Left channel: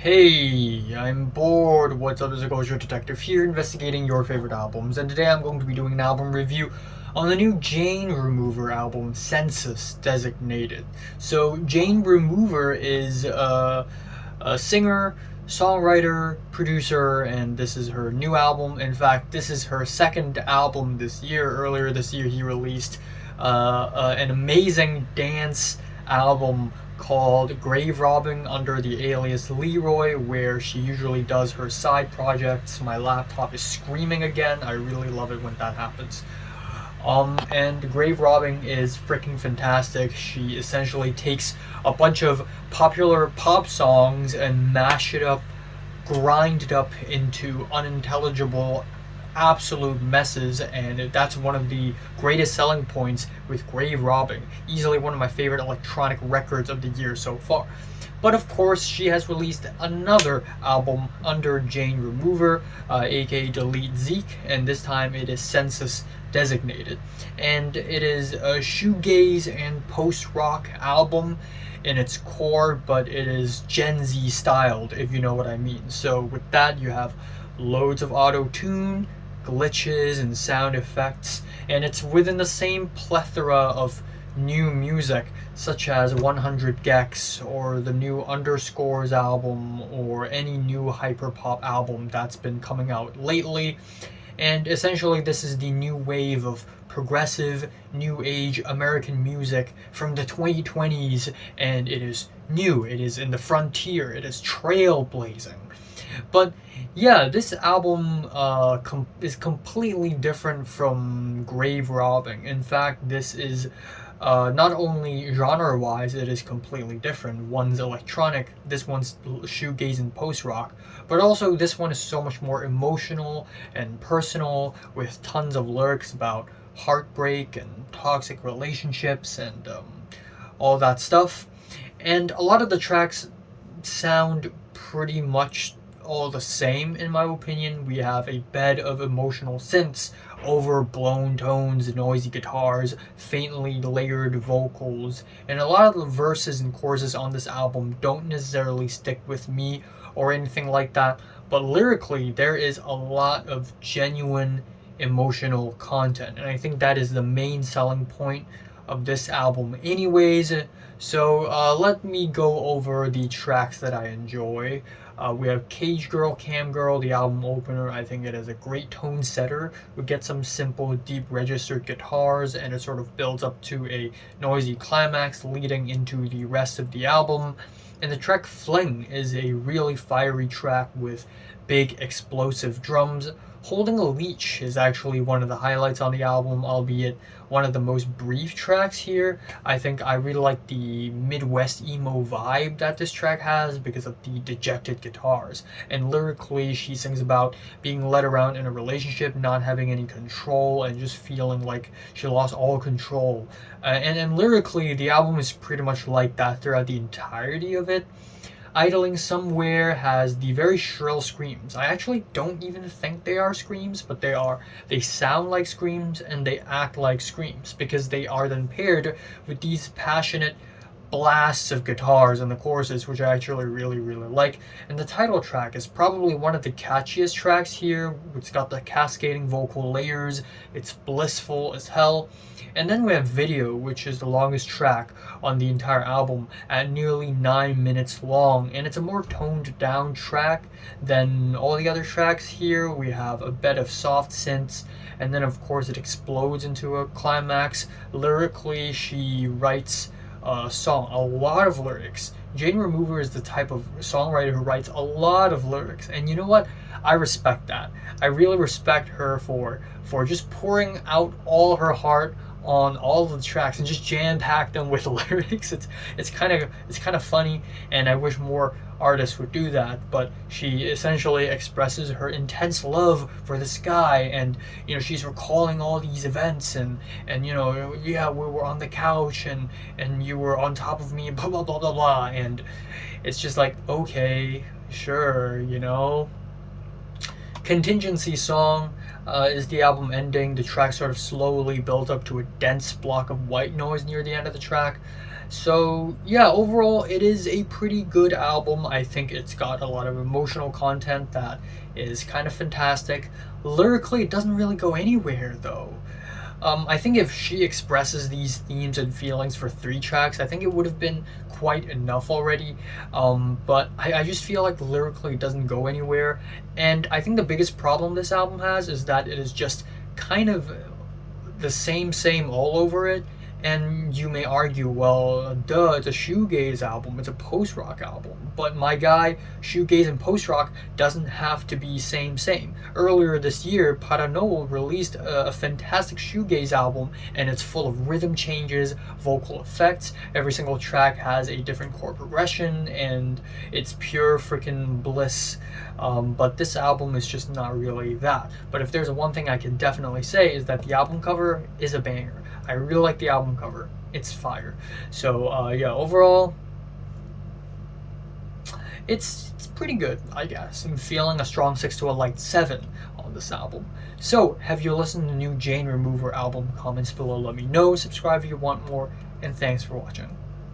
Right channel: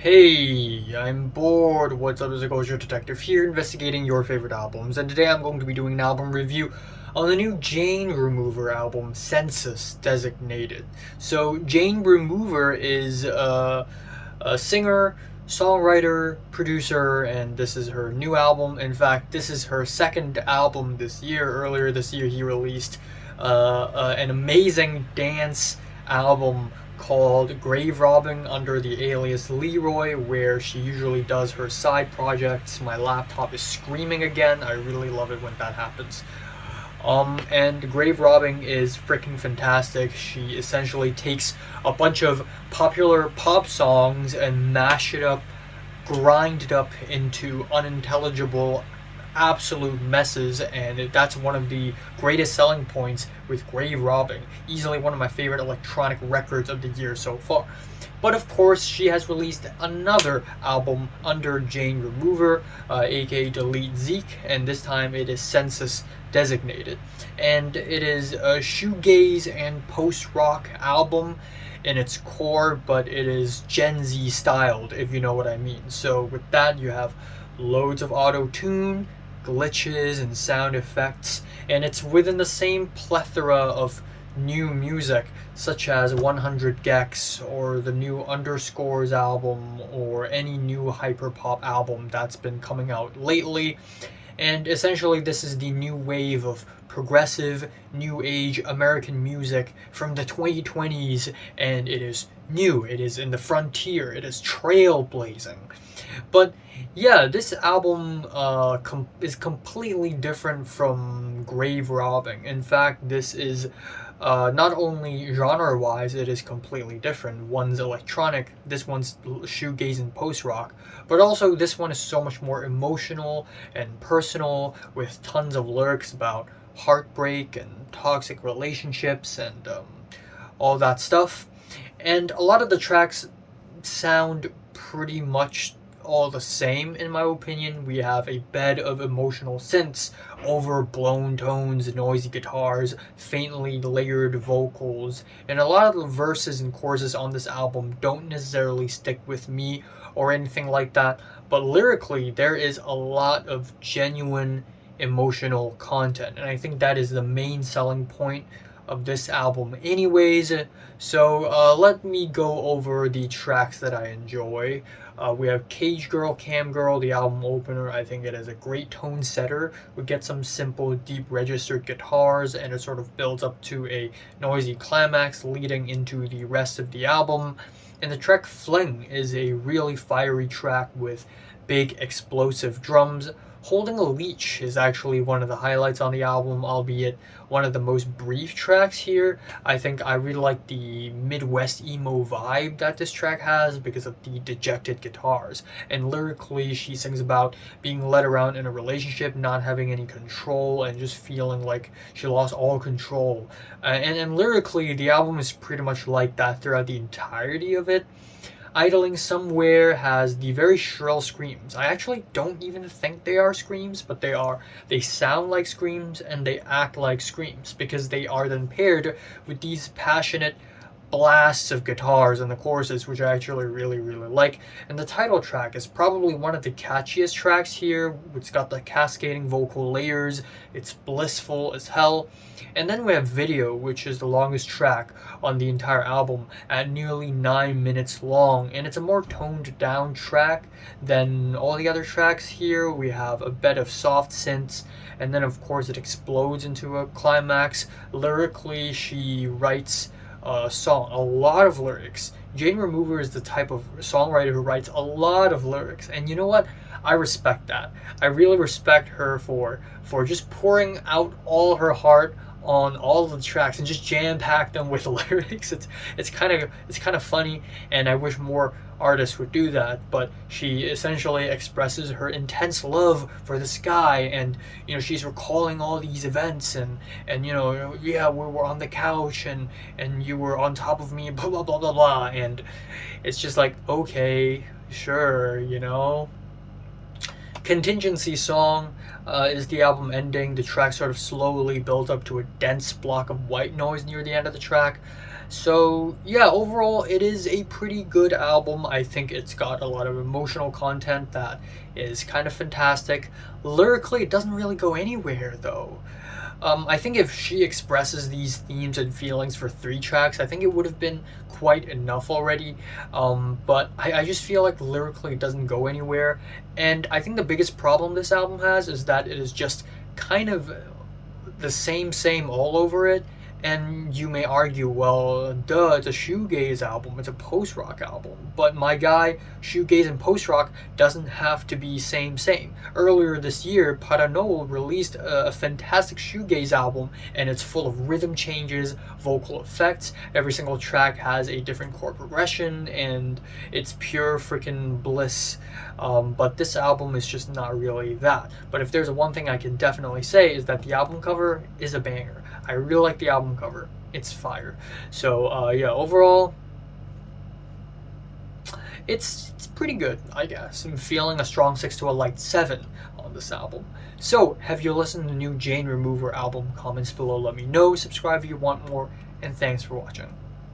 Hey, I'm bored. What's up? This is Ghost Detective here, investigating your favorite albums, and today I'm going to be doing an album review on the new Jane Remover album, Census Designated. So, Jane Remover is a singer, songwriter, producer, and this is her new album. In fact, this is her second album this year. Earlier this year, he released an amazing dance album called Grave Robbing under the alias Leroy, where she usually does her side projects. My laptop is screaming again. I really love it when that happens. And Grave Robbing is freaking fantastic. She essentially takes a bunch of popular pop songs and mash it up, grind it up into unintelligible absolute messes, and that's one of the greatest selling points with Grave Robbing. Easily one of my favorite electronic records of the year so far. But of course, she has released another album under Jane Remover, aka Delete Zeke, and this time it is Census Designated. And it is a shoegaze and post-rock album in its core, but it is Gen Z styled, if you know what I mean. So with that, you have loads of auto-tune, glitches, and sound effects, and it's within the same plethora of new music, such as 100 gecs or the new Underscores album or any new hyperpop album that's been coming out lately. And essentially, this is the new wave of progressive, new age American music from the 2020s, and it is new, it is in the frontier, it is trailblazing. But yeah, this album is completely different from Grave Robbing. In fact, this is not only genre-wise, it is completely different. One's electronic, this one's shoegaze and post-rock, but also this one is so much more emotional and personal, with tons of lyrics about heartbreak and toxic relationships and all that stuff. And a lot of the tracks sound pretty much all the same, in my opinion. We have a bed of emotional synths, overblown tones, noisy guitars, faintly layered vocals, and a lot of the verses and choruses on this album don't necessarily stick with me or anything like that, but lyrically there is a lot of genuine emotional content, and I think that is the main selling point of this album anyways. So let me go over the tracks that I enjoy. We have Cage Girl, Cam Girl, the album opener. I think it is a great tone setter. We get some simple, deep registered guitars, and it sort of builds up to a noisy climax leading into the rest of the album. And the track Fling is a really fiery track with big explosive drums. Holding a Leech is actually one of the highlights on the album, albeit one of the most brief tracks here. I think I really like the Midwest emo vibe that this track has because of the dejected guitars. And lyrically, she sings about being led around in a relationship, not having any control, and just feeling like she lost all control. And lyrically, the album is pretty much like that throughout the entirety of it. Idling Somewhere has the very shrill screams. I actually don't even think they are screams, but they are. They sound like screams and they act like screams because they are then paired with these passionate blasts of guitars in the choruses, which I actually really like. And the title track is probably one of the catchiest tracks here. It's got the cascading vocal layers, it's blissful as hell. And then we have Video, which is the longest track on the entire album at nearly 9 minutes long, and it's a more toned down track than all the other tracks here. We have a bed of soft synths, and then of course it explodes into a climax. Lyrically, she writes a lot of lyrics. Jane Remover is the type of songwriter who writes a lot of lyrics, and you know what? I respect that. I really respect her for just pouring out all her heart on all the tracks and just jam-pack them with lyrics. It's kind of funny, and I wish more artists would do that. But she essentially expresses her intense love for this guy, and she's recalling all these events, and yeah, we were on the couch and you were on top of me, blah blah blah blah blah, and it's just like, okay, sure, Contingency Song is the album ending. The track sort of slowly builds up to a dense block of white noise near the end of the track. So, yeah, overall, it is a pretty good album. I think it's got a lot of emotional content that is kind of fantastic. Lyrically, it doesn't really go anywhere, though. I think if she expresses these themes and feelings for 3 tracks, I think it would have been quite enough already. But I just feel like lyrically it doesn't go anywhere. And I think the biggest problem this album has is that it is just kind of the same all over it. And you may argue, well, duh, it's a shoegaze album, it's a post-rock album. But my guy, shoegaze and post-rock doesn't have to be same. Earlier this year, Paranol released a fantastic shoegaze album, and it's full of rhythm changes, vocal effects. Every single track has a different chord progression, and it's pure freaking bliss. But this album is just not really that. But if there's one thing I can definitely say is that the album cover is a banger. I really like the album cover. It's fire. So yeah, overall, it's pretty good, I guess. I'm feeling a strong 6 to a light 7 on this album. So, have you listened to the new Jane Remover album? Comments below, let me know. Subscribe if you want more, and thanks for watching.